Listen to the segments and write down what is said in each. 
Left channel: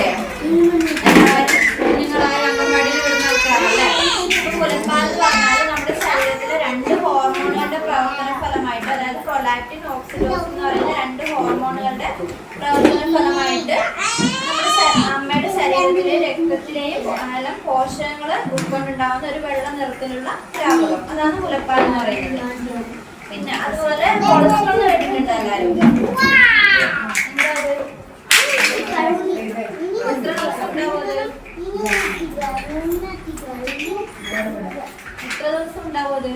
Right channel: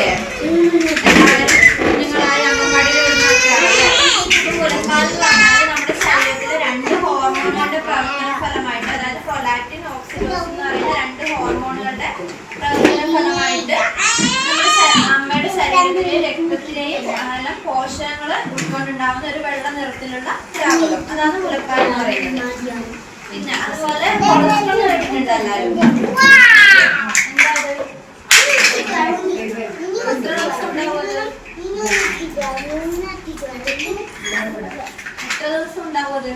അറിയില്ലേ എല്ലാവരും കുഞ്ഞുങ്ങളായ അംഗൻവാടിയിൽ വിടുന്ന ആൾക്കാരല്ലേ? അപ്പൊ മുലപ്പാൽ പറഞ്ഞാൽ നമ്മുടെ ശരീരത്തിലെ രണ്ട് ഹോർമോണുകളുടെ പ്രവർത്തന അതായത് പ്രൊലാക്റ്റിൻ ഓക്സിഡോസിൻ എന്ന് രണ്ട് ഹോർമോണുകളുടെ പ്രവർത്തന നമ്മുടെ അമ്മയുടെ ശരീരത്തിലെ രക്തത്തിലെയും എല്ലാം പോഷകങ്ങൾ ഉൾക്കൊണ്ടുണ്ടാകുന്ന ഒരു വെള്ള നിറത്തിലുള്ള ദ്രാവകം. അതാണ് മുലപ്പാൽ എന്ന് പറയുന്നത്. പിന്നെ അതുപോലെ കൊളസ്ട്രോൾ കേട്ടിട്ടുണ്ട് എല്ലാവരും? എന്താ അത്? എത്ര ദിവസം ഉണ്ടാവും അത്? എത്ര ദിവസം ഉണ്ടാവും അത്.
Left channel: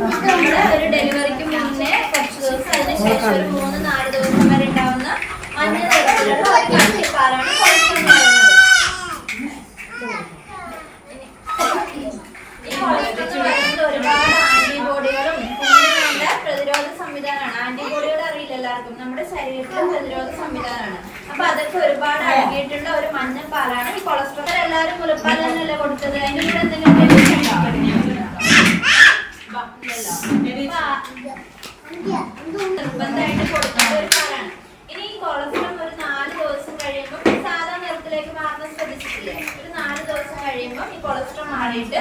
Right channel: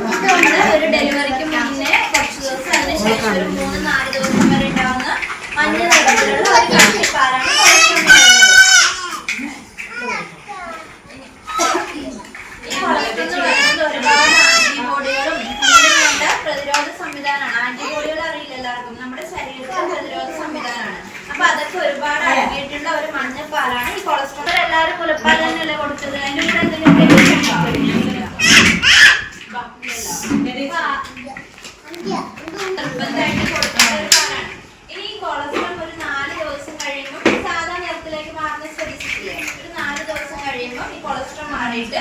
നമ്മുടെ ഒരു ഡെലിവറിക്ക് മുന്നേ കുറച്ച് ദിവസം അതിനുശേഷം ഒരു മൂന്ന് നാല് ദിവസം വരെ ഉണ്ടാവുന്ന മഞ്ഞ നിറത്തിലുള്ള ഒരു കട്ടിപ്പാലാണ് കൊളസ്ട്രോൾ എന്ന് പറയുന്നത് ഈ കൊളസ്ട്രോൾ എന്ന് പറയുന്നത് ഒരുപാട് ആന്റിബോഡികളും കുഞ്ഞിന് വേണ്ട പ്രതിരോധ സംവിധാനമാണ് ആന്റിബോഡികൾ അറിയില്ല എല്ലാവർക്കും നമ്മുടെ ശരീരത്തിലെ പ്രതിരോധ സംവിധാനമാണ് അപ്പൊ അതൊക്കെ ഒരുപാട് അടങ്ങിയിട്ടുള്ള ഒരു മഞ്ഞപ്പാലാണ് ഈ കൊളസ്ട്രോൾ എല്ലാവരും മുലപ്പാൽ തന്നെയല്ലേ കൊടുത്തത്? അതിന്റെ കൂടെ എന്തെങ്കിലും നിർബന്ധമായിട്ട് കൊടുക്കേണ്ട ഒരു ഫലമാണ് ഇനി ഈ കൊളസ്ട്രോൾ ഒരു നാല് ദിവസം കഴിയുമ്പോൾ സാധാ നിറത്തിലേക്ക് മാറുന്ന ശ്രദ്ധിച്ചിട്ടില്ലേ? ഒരു നാല് ദിവസം കഴിയുമ്പോൾ ഈ കൊളസ്ട്രോൾ മാറിയിട്ട്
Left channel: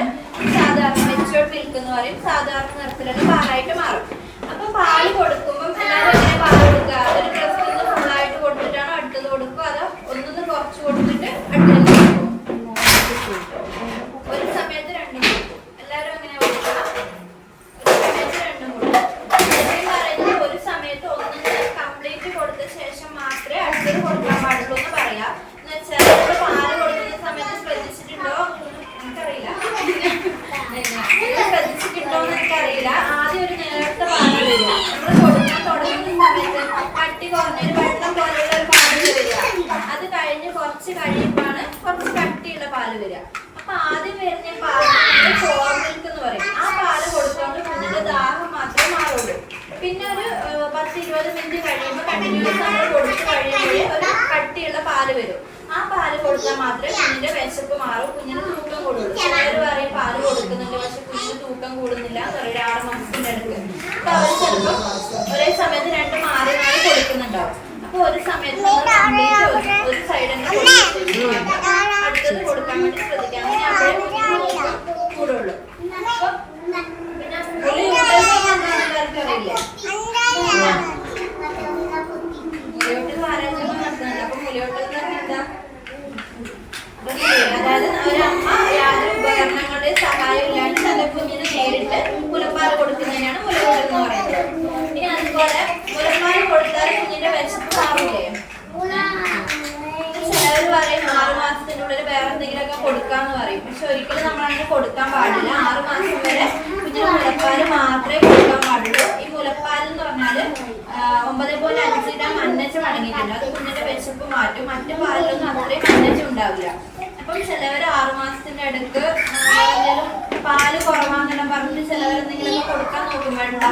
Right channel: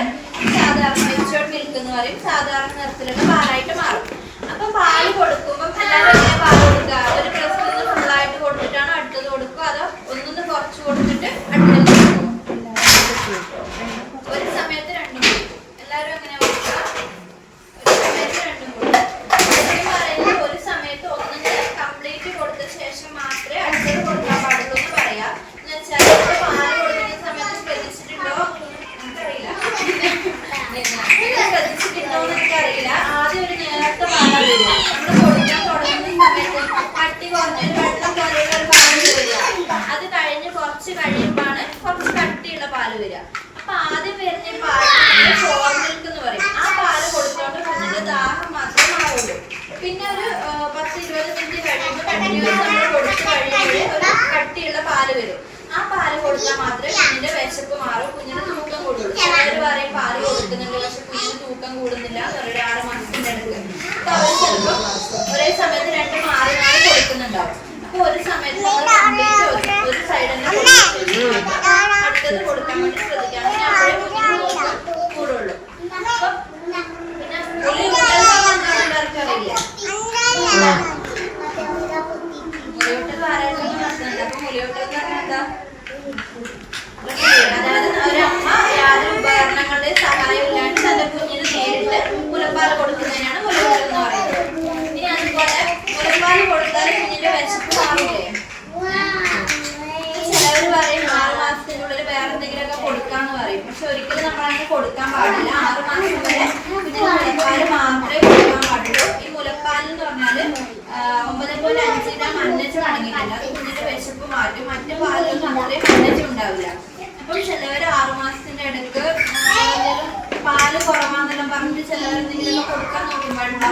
സാധാരണ മെച്ചുവർഡ് മിൽക്ക് എന്ന് പറയും സാധാരണ നിറത്തിലുള്ള പാലായിട്ട് മാറും. അപ്പൊ പാൽ കൊടുക്കുമ്പോൾ എല്ലാവരും പാൽ കൊടുക്കുക? ഒരു ബ്രസ്റ്റിൽ നിന്ന് ഫുള്ളായിട്ട് കൊടുത്തിട്ടാണോ അടുത്തത് കൊടുക്കുക? അതോ ഒന്നൊന്ന് കുറച്ച് കൊടുത്തിട്ട് അടുത്തത് കൊടുക്കും ഒരു സമയത്ത് രണ്ടും കൊടുക്കും എല്ലാവരും എങ്ങനെ കൊടുക്കുക ഒരു സമയത്ത് രണ്ടും കൊടുക്കും ശരിക്കും പറയുന്നത് ഒരു സമയത്ത് ഒന്നിന് കംപ്ലീറ്റ് കൊടുത്ത ശേഷം മാത്രമേ അടുത്തത് കൊടുക്കാൻ പാടുള്ളൂ എന്ന് പറയാം എന്ന് വെച്ചാൽ നമ്മൾ പാൽ കൊടുക്കുന്ന സമയത്ത് ശ്രദ്ധിച്ചിട്ടുണ്ടോ എനിക്കറിയില്ല നിങ്ങൾ ശ്രദ്ധിച്ചിട്ടുണ്ടോ എന്ന് എനിക്കറിയില്ല ആദ്യം ഒരു നേരത്തെ പാലാണ് വരിക നമ്മൾ കൊടുക്കാൻ തുടങ്ങുന്ന സമയത്ത് കുറഞ്ഞൊരു വെള്ളം പോലെയുള്ള ഒരു പാൽ അത് കഴിഞ്ഞ് കുറച്ച് കഴിയുമ്പോഴാണ് കുറച്ച് കട്ടിയുള്ള പാൽ വരിക അപ്പൊ ആദ്യം വരുന്ന ഈ പാൽ ഫോർ എന്ന് പറയും ആ പാൽ കൊടുത്തോണ്ട് കുഞ്ഞിന്റെ ദാഹം മാത്രമേ മാറുള്ളൂ പിന്നെ ഒരു പത്ത് ഇരുപത് മിനിറ്റ് കഴിയുമ്പോൾ കണ്ടിന്യൂസ് നമ്മൾ കൊടുത്ത് കട്ടിയുള്ള പാൽ വരും ആ പാൽ കൊടുത്താൽ മാത്രമേ കുഞ്ഞിന്റെ വിശപ്പ് മാറും കുഞ്ഞിന് തൂക്കം കൂടുള്ളൂ. ചിലർ പറയും പാൽ കൊടുക്കുന്നുണ്ട് കുഞ്ഞിന് തൂക്കം കൂടുന്നില്ല ഒരു ആറ് മാസത്തിന്റെ അടുത്ത്. അവർ ചിലപ്പോൾ ഒരേ സമയത്ത് രണ്ട് മാറി മാറി കൊടുക്കുന്നുണ്ടാവും. അപ്പൊ ഒരു സമയത്ത് നമ്മൾ കംപ്ലീറ്റ് ഒരു ഒരു സൈഡ് തന്നെ കൊടുത്തിട്ട് അടുത്തത് കൊടുക്കാൻ വേണ്ടി ശ്രദ്ധിക്കാം അങ്ങനെ അപ്പോഴേ കുഞ്ഞിന് തൂക്കം കൂടുള്ളൂ അപ്പൊ പിന്നെ ഒരു എല്ലാവർക്കും അറിയില്ലേ മുലയൂട്ടൽ ആരാഴ്ച നടത്തുന്നുണ്ട് അപ്പൊ മുലയൂട്ടൽ എന്ന് പറഞ്ഞാൽ എന്താ അതായത് ഒരമ്മ യാതൊരു ഉപകരണങ്ങളുടെയും സഹായം ഇല്ലാണ്ട് തന്റെ കുഞ്ഞിന് നേരിട്ട് മുലപ്പാൽ കൊടുക്കുന്നതിനാണ് മുലയൂട്ടൽ എന്ന് പറയുന്നത് ഇനി അതുപോലെ മുലപ്പാൽ കൊടുത്താൽ കുഞ്ഞിന്റെ വിശപ്പ് മാറില്ലേ ചിലവർ പറയും ആറ് മാസത്തിനുള്ളിൽ വേറെ എന്തെങ്കിലുമൊക്കെ കൊടുക്കാന്ന് പറയും. പക്ഷെ ഒരിക്കലും നമ്മൾ അങ്ങനെ കൊടുക്കാൻ പാടില്ല. ആറ് മാസം വരെ കുഞ്ഞിന് മുലപ്പാൽ മാത്രമേ കൊടുക്കാൻ പാടുള്ളൂ. ഈ മുലപ്പാൽ എന്ന് പറഞ്ഞാൽ ഒമ്പത് പോയിന്റ് അഞ്ച് ഗ്രാം മഞ്ഞച്ചും അടങ്ങിയിട്ടുണ്ട്. അത് കുഞ്ഞിന്റെ വിശപ്പ് മാറ്റും. മറ്റു പാലൊന്നും അത്രയും മഞ്ഞച്ചും ഉണ്ടാവില്ല. അപ്പം ചിലവർ ആറു മാസത്തിന്റെ എന്തെങ്കിലും പാൽ കുറവാന്നെല്ലാം പറഞ്ഞിട്ട് ചിലവർ എന്തെങ്കിലും കൊടുക്കാൻ വേണ്ട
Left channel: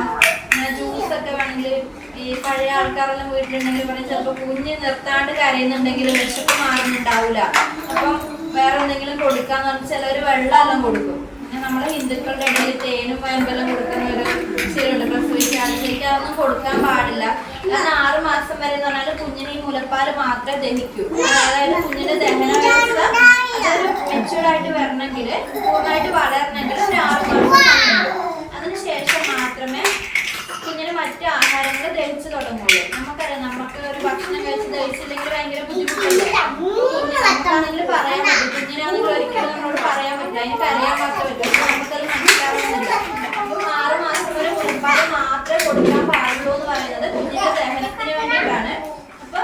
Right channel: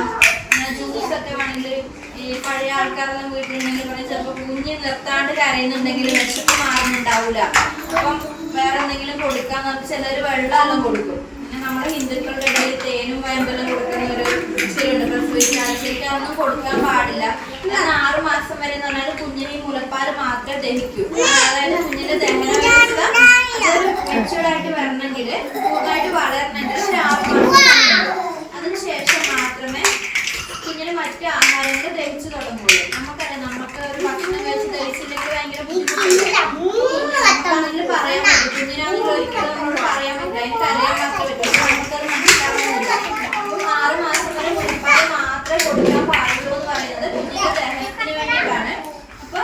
ജ്യൂസ് ഒക്കെ വേണമെങ്കിൽ ഈ പഴയ ആൾക്കാരെല്ലാം വീട്ടിലുണ്ടെങ്കിൽ പറഞ്ഞാൽ ചിലപ്പോൾ കുഞ്ഞ് നിർത്താണ്ട് കരയുന്നുണ്ടെങ്കിൽ വിശപ്പ് മാറുന്നുണ്ടാവില്ല അപ്പം വേറെ എന്തെങ്കിലും കൊടുക്കാന്ന് പറഞ്ഞാൽ ചിലർ വെള്ളമെല്ലാം കൊടുക്കും. പിന്നെ നമ്മുടെ ഹിന്ദുക്കളുടെ ഇടയിൽ തേനും വേമ്പലും കൊടുക്കുന്ന ഒരു ശരിയുണ്ട് പ്രസവിച്ചാൽ ശരിക്കും അതൊന്നും കൊടുക്കാൻ പാടില്ല. കാരണം ആറ് മാസം വരെ എന്ന് പറഞ്ഞാൽ കുഞ്ഞിനെ ഈ മുലപ്പാൽ മാത്രമേ ദഹിക്കൂ. അതായത് കുഞ്ഞിന്റെ ദഹന വ്യവസ്ഥ അതൊരു മെച്ചൂർഡ് ആയിട്ട് വരണമെങ്കിൽ പൂർണമായിട്ട് വളരണമെങ്കിൽ ഒരു ആറ് മാസം അതിനുശേഷം മാത്രമേ കുഞ്ഞിന് മറ്റു ആഹാരങ്ങൾ ദഹിച്ചു തുടങ്ങുള്ളൂ. നമുക്കറിയാം നമുക്ക് ഒരു ഭക്ഷണം കഴിച്ച് ദഹിച്ചില്ലെങ്കിൽ ഭയങ്കര ബുദ്ധിമുട്ടല്ലേ കുഞ്ഞ് നമുക്കാണെങ്കിൽ പറയാൻ പറ്റും കുഞ്ഞിനാണെങ്കിൽ ഒരിക്കലും നമ്മളോട് പറയാൻ പറ്റില്ല എനിക്ക് അറിയാൻ മാത്രമേ പറ്റൂ പക്ഷെ നമുക്കത് മനസ്സിലാവുന്നില്ല അപ്പം ആറ് മാസം വരെ മുലപ്പാൽ മാത്രമേ കൊടുക്കാൻ പാടുള്ളൂ എന്ന് പറയുന്നത് കുഞ്ഞിന്റെ ദഹനത്തിന് വേണ്ടിയിട്ടാണ് അപ്പൊ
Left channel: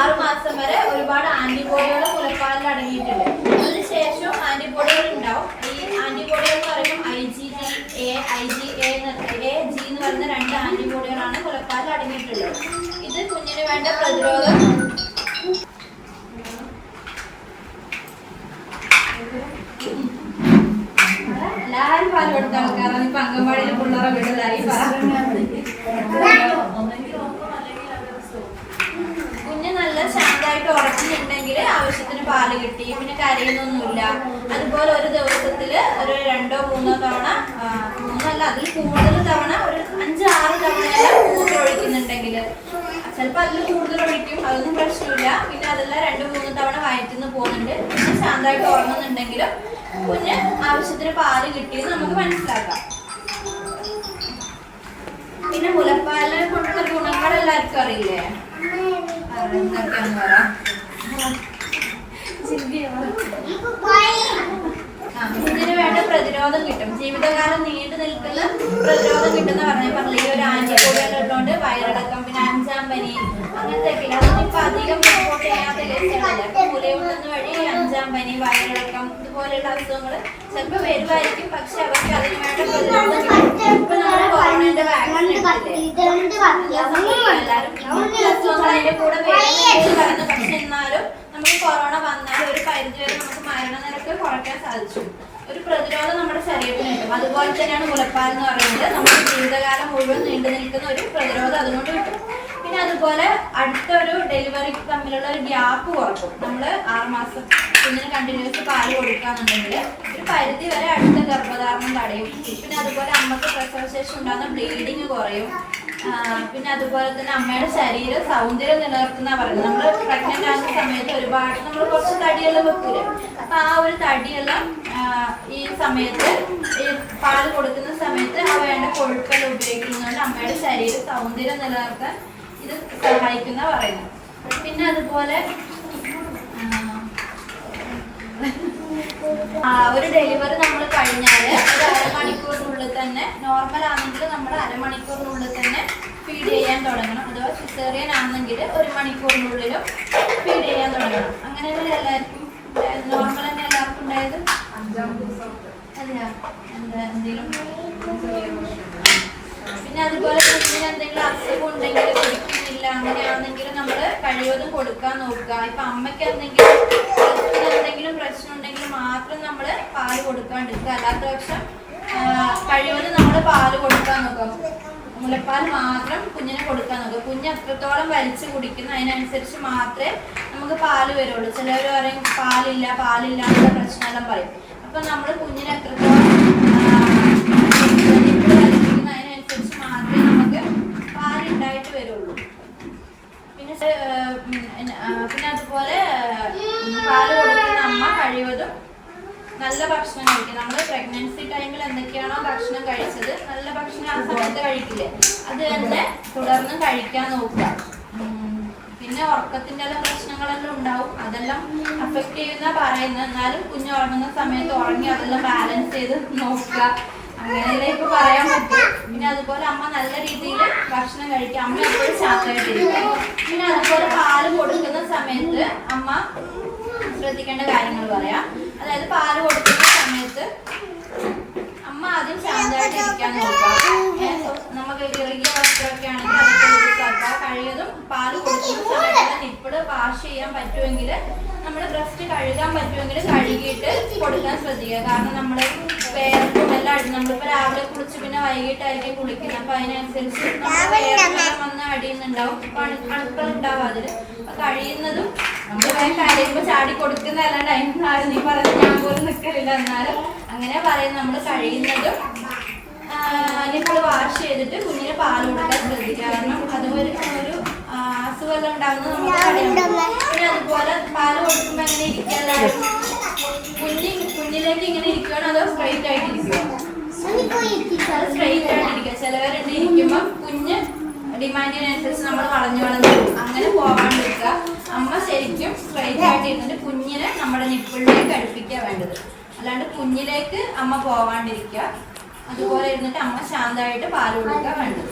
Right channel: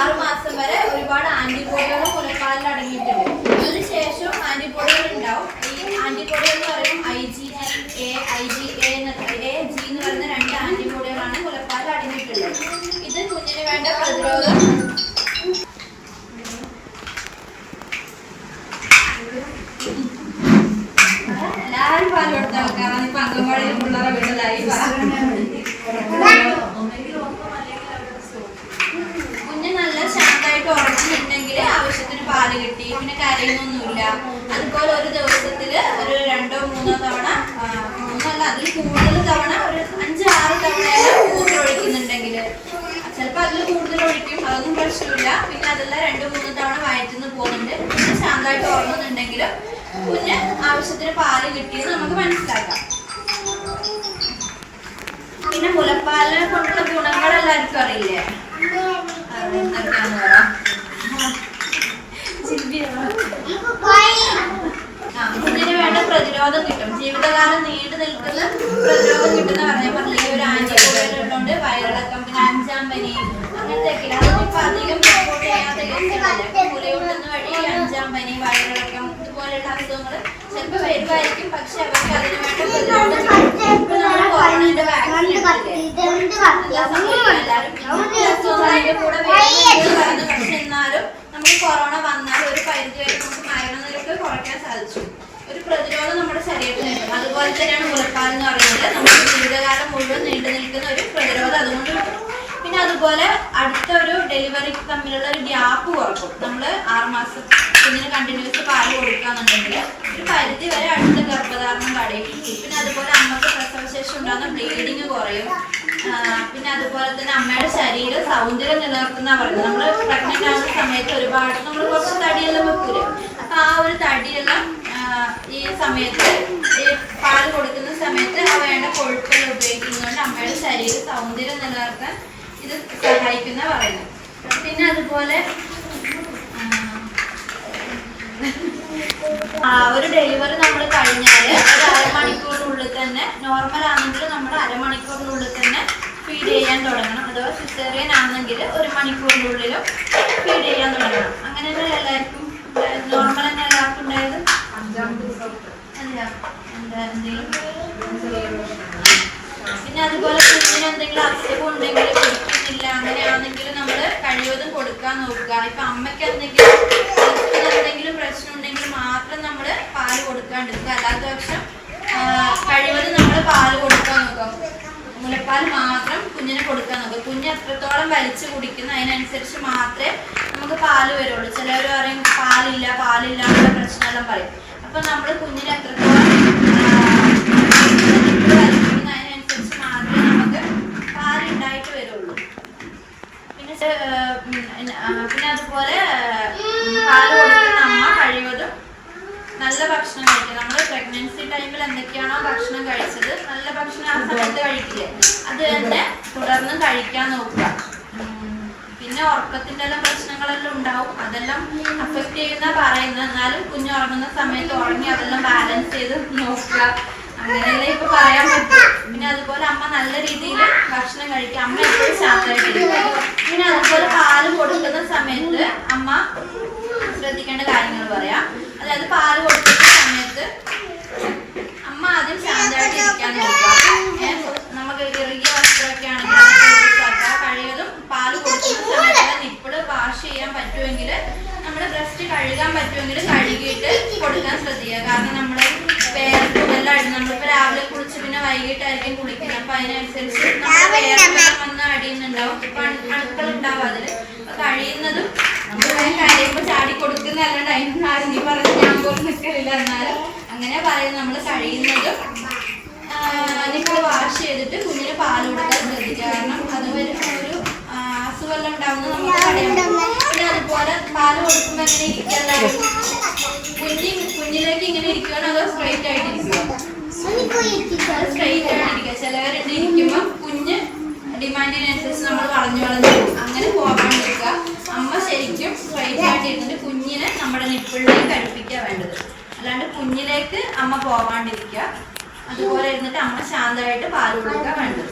ആറ് മാസം വരെ ഒരുപാട് ആന്റിബോഡികൾ മുലപ്പാലിൽ അടങ്ങിയിട്ടുണ്ട്. അതിനുശേഷം ആന്റിബോഡികൾ ഉണ്ടാവും. ഈ ആന്റിബോഡികൾ എന്ന് പറയുമ്പോൾ I G G A I G A A G എന്ന് പറയുന്ന രണ്ട് ആന്റിബോഡികളാണ് മുലപ്പാലിൽ അടങ്ങിയിട്ടുള്ളത്. ഇത് കുഞ്ഞിന് വേണ്ട പ്രതിരോധം. എല്ലാവരും പാൽ കൊടുത്ത ആൾക്കാരാണ് ഇപ്പൊ അംഗൻവാടിയിൽ പിള്ളേരെ വീടുകളായി കുഞ്ഞ് നല്ല ശാന്തമായിട്ട് ഉറച്ചിട്ടുണ്ടെങ്കിൽ ആവശ്യത്തിന് പാൽ കിട്ടി പിന്നെ കരയുന്നൊന്നുമില്ല. അതുപോലെ ഒരു ദിവസത്തിൽ ഒരു രണ്ടോ മൂന്നോ തവണ മൂന്നല്ല അതിൽ കൂടുതൽ തവണ ഒരു അഞ്ച് ആറ് തവണ മൂത്രമൊഴിക്കുന്നുണ്ടെങ്കിൽ ചിലപ്പോൾ അതിൽ കൂടുതൽ ഒഴിക്കും അതൊന്നും പ്രശ്നമില്ല. പിന്നെ അതെല്ലാം രണ്ട് മൂന്ന് തവണ വയറ്റുനിന്ന് പോകുന്നുണ്ട്. പിന്നെ ശാന്തമായിട്ട് ഉറങ്ങുന്നുണ്ടെങ്കിൽ കുഞ്ഞ് ആവശ്യത്തിന് പാൽ കിട്ടിയെന്ന് നമുക്ക് മനസ്സിലാക്കാം. പിന്നെ മുലപ്പാലിനെ കൊണ്ടുള്ള ഗുണങ്ങൾ എല്ലാവർക്കും അറിയില്ലേ? അത് എന്തൊക്കെയാന്ന് പറ ആ, കുഞ്ഞിന് വേണ്ട പ്രതിരോധം കിട്ടും. ജീവിതകാലം നീണ്ടു നിൽക്കുന്ന പ്രതിരോധം കിട്ടുന്ന പറഞ്ഞ പറഞ്ഞു ഈ ഒരു ആന്റിബോഡി ഉള്ളതുകൊണ്ട് വയറിളക്കം പിന്നെ അഞ്ചാം പനി അങ്ങനത്തെ ഇപ്പൊ അധികം റിപ്പോർട്ട് ചെയ്യാത്ത മുലയൂട്ടുന്ന വഴി അഞ്ചാം പനി വയറിളക്കം ഇതുപോലെയുള്ള അസുഖങ്ങൾ ചിലപ്പോൾ വരുമായിരിക്കും. പക്ഷെ അവർക്ക് അതിന് വേണ്ട പ്രതിരോധം കൊറോണയുടെ വാക്സിൻ എല്ലാവരും അതിന്റെ കൂടെ വരുന്നു പക്ഷെ എന്നാലും നമുക്ക് കൊറോണ വന്നാൽ ഒരു പരിധി വരെ നമുക്ക് മരണനിരക്ക് കുറയ്ക്കാൻ സാധിച്ചു. ഒരു പ്രതിരോധം നമ്മുടെ ശരീരത്തിന് കിട്ടും അതുപോലെ തന്നെയാണ് മുലപ്പാൽ എന്ന് പറയുന്നത്. നമ്മുടെ ജീവിതകാലം മുഴുവൻ നീണ്ടു നിൽക്കുന്ന ഒരു പ്രതിരോധം അതുകൊണ്ട് കിട്ടും. പിന്നെ അതുപോലെ അടുത്ത ഒരു ഡെലിവറിക്ക് തമ്മിലുള്ള ഒരു ഗ്യാപ്പ് കുറക്കും. നമ്മൾ ആറുമാസം കുഞ്ഞിന് കണ്ടിന്യൂസ് പാൽ കൊടുക്കാന്നുണ്ടെങ്കിൽ ഒരു പരിധി വരെ അടുത്ത ഗർഭധാരണം തടയും പിന്നെ അതുപോലെ അമ്മയ്ക്ക് പ്രസവശേഷം ഉണ്ടാകുന്ന ബ്ലീഡിങ് കുറയും. പിന്നെ അതുപോലെ തന്നെ അമ്മയുടെ ശരീരം സൗന്ദര്യം നിലനിർത്തുന്ന പറയുന്നത്. നമ്മൾ പ്രഗ്നന്റ് ആകുന്ന സമയത്ത് ഒരുപാട് നമ്മൾ കുറച്ച് തടിയെല്ലാം വെക്കൂലേ. അപ്പൊ ആ ഒരു തടിയെല്ലാം ഈ സമയത്ത് ഈ പാൽ കൊടുക്കുന്ന സമയത്ത് ആ വേണ്ട കൊഴുപ്പെല്ലാം ഉപയോഗിക്കുന്നതുകൊണ്ട് അമ്മയുടെ ശരീര സൗന്ദര്യം നിലനിർത്താൻ ഇത് സഹായിക്കുന്ന പറയുന്നു. പിന്നെ അതുപോലെ ഒരു ഡെലിവറി നമ്മൾ കഴിഞ്ഞാൽ ഒരു അരമണിക്കൂറിനുള്ളിൽ തന്നെ നോർമൽ ആണെങ്കിൽ നമ്മൾ അരമണിക്കൂറിനുള്ളിൽ തന്നെ ഫീഡ് ചെയ്യാൻ തുടങ്ങണം. അഥവാ സിസേറിയൻ ആണെങ്കിൽ ഒരു മണിക്കൂറിനുള്ളിലും ഫീഡ് ചെയ്യാൻ തുടങ്ങണം. അങ്ങനെ എല്ലാവർക്കും നോർമൽ തന്നെ എല്ലാവർക്കും ഉണ്ടായത്? പിന്നെ അതുപോലെ കുഞ്ഞിന് എന്തെങ്കിലും അസുഖം ഉണ്ടെങ്കിൽ കുടിക്കുന്നില്ല അങ്ങനെയാണെങ്കിൽ നമ്മൾ കഴിവതും കൊടുക്കാൻ നോക്കുക. ഇപ്പൊ അമ്മയ്ക്ക് എന്തെങ്കിലും എന്തെങ്കിലും പ്രശ്നം ഉണ്ടെങ്കിൽ മാത്രം നമ്മൾ പാൽ കൊടുക്കാണ്ടിരിക്കുക അല്ലാത്ത പക്ഷം കഴിവതും നമ്മൾ പാൽ കൊടുക്കാൻ നോക്കാം മുലപ്പാൽ മാത്രം കുഞ്ഞിന് കൊടുക്കാൻ നോക്കുക കുഞ്ഞ് എത്രത്തോളം വലിച്ചു കുടിക്കുന്നു അതിനനുസരിച്ച് മാത്രമേ നമുക്ക് പാൽ വരുള്ളൂ. ചിലവർ പറയും പാലില്ല പാലില്ല എന്നുള്ള പ്രശ്നമെല്ലാം പറയും. അപ്പൊ നമ്മൾ കുഞ്ഞിന് എത്രത്തോളം അതിനനുസരിച്ച് മാത്രമേ നമുക്ക് പാലുണ്ടായിട്ട് വരുള്ളൂ. പിന്നെ പിന്നെ അതുപോലെ പാൽ കൊടുക്കുന്ന അമ്മ കഴിവതും നല്ല ഭക്ഷണം കഴിക്കുക നമ്മൾ പ്രഗ്നൻസി ടൈമിൽ എന്തൊക്കെയാണോ ഭക്ഷണം കഴിച്ചത് നല്ല ഭക്ഷണം ആ സമയത്ത് കഴിക്കില്ലേ? അത് തന്നെ തുടർന്ന് കഴിക്കാൻ നോക്കുക. പിന്നെ ഉറക്കത്തിന്റെ എല്ലാം പ്രശ്നങ്ങളെല്ലാം ഉണ്ടാവും. അതെല്ലാം അഫക്റ്റ് ചെയ്യുന്ന പറയുന്നത് എന്നാലും കുഞ്ഞ് ഉറങ്ങുന്ന സമയത്ത് ഉറങ്ങി അതെല്ലാം ബാലൻസ് ചെയ്ത് നോക്കുക. അങ്ങനെയല്ലേ ഇപ്പൊ പറയാൻ പറ്റും. പിന്നെ അതുപോലെ അമ്മ നല്ല രീതിയിൽ ഭക്ഷണം കഴിക്കുക അമ്മ എപ്പോഴും ശാന്തമായിട്ടിരിക്കും പിന്നെ അതുപോലെ പാൽ കൊടുക്കുന്ന സമയത്ത് അമ്മ ശ്രദ്ധിക്കേണ്ട കാര്യങ്ങൾ പറയാം. അതായത് പാൽ കൊടുക്കുന്ന സമയത്ത് അമ്മ ആദ്യം ശാന്തമായിട്ട് ഇരിക്കാൻ നോക്കുക. നമുക്ക് ഇറുകിയ വസ്ത്രമൊക്കെ ആണെങ്കിൽ നമുക്ക് കഴിയതും പാൽ കൊടുക്കുന്ന സമയത്ത് നിപ്പിൾ വാഷ് ചെയ്യാൻ പറ്റുമെങ്കിൽ നമ്മുടെ ബ്രസ്റ്റ് കഴുകാൻ പറ്റുമെങ്കിൽ കഴുകിയിട്ട് കൊടുക്കാൻ ശ്രദ്ധിക്കുക. കാരണം നമ്മൾ എല്ലാം അടി നമ്മളിപ്പോൾ രാവിലെ കുളിച്ച് പിന്നെ വൈകിട്ടായിരിക്കും കുളിക്കുന്നത്. അപ്പൊ അതിനനുസരിച്ച് നമ്മുടെ വേർക്കെല്ലാം വന്ന് അടിയുന്നുണ്ടാവും അപ്പൊ അണു അണുക്കൾ ഉണ്ടാവും അതിൽ കഴിയുന്നതും നമ്മൾ കഴിയുമ്പോ ചാടി കൊടുക്കുന്ന അതിനൊന്നും അതിന് ആരും നീ പറഞ്ഞ ഞാൻ പോലും നിൽക്കലില്ല എന്നാലും അങ്ങനെ പറയുന്നത് നമ്മൾ കഴിയുന്നതും നിങ്ങൾ വാഷ് ചെയ്തിട്ട് കുഞ്ഞിന് പാൽ കൊടുക്കാൻ ശ്രദ്ധിക്കുക. കാരണം അത് ഒരു അസുഖമെല്ലാം ഉണ്ടാവുന്നത് നമുക്ക് തടയാൻ പിന്നെ അതുപോലെ പാൽ കൊടുക്കുമ്പോൾ എങ്ങനെ ഇരിക്കാൻ കുഞ്ഞി കുഞ്ഞിലേക്ക് ഇങ്ങനെ ഇരിക്കുകയാണോ അതോ സ്ട്രൈറ്റ് ആയിട്ട് ഇരിക്കുകയോ സ്ട്രൈറ്റ് ആയിട്ട് ഇരിക്കുക. ചിലവരുണ്ട് ഇരിക്കുമ്പോൾ കുഞ്ഞ് ഡിമാൻഡിനനുസരിച്ച് നമ്മൾ വളഞ്ഞു വളഞ്ഞു അങ്ങനെ അമ്മ ശരിക്കും സ്ട്രൈറ്റ് ആയിട്ട് ഇരുന്നിട്ട് കുഞ്ഞിനെ നമ്മുടെ നിപ്പിളിലേക്ക് അടുപ്പിക്കുക വേണ്ടത്. അല്ലാണ്ട് കുഞ്ഞിലേക്ക് അമ്മ പോവാണ്ടിരിക്കുക. അതുപോലെ ഇരുന്നിട്ട് അമ്മ ശാന്തമായിട്ട് പാൽ കൊടുക്കുക വേണ്ടത്.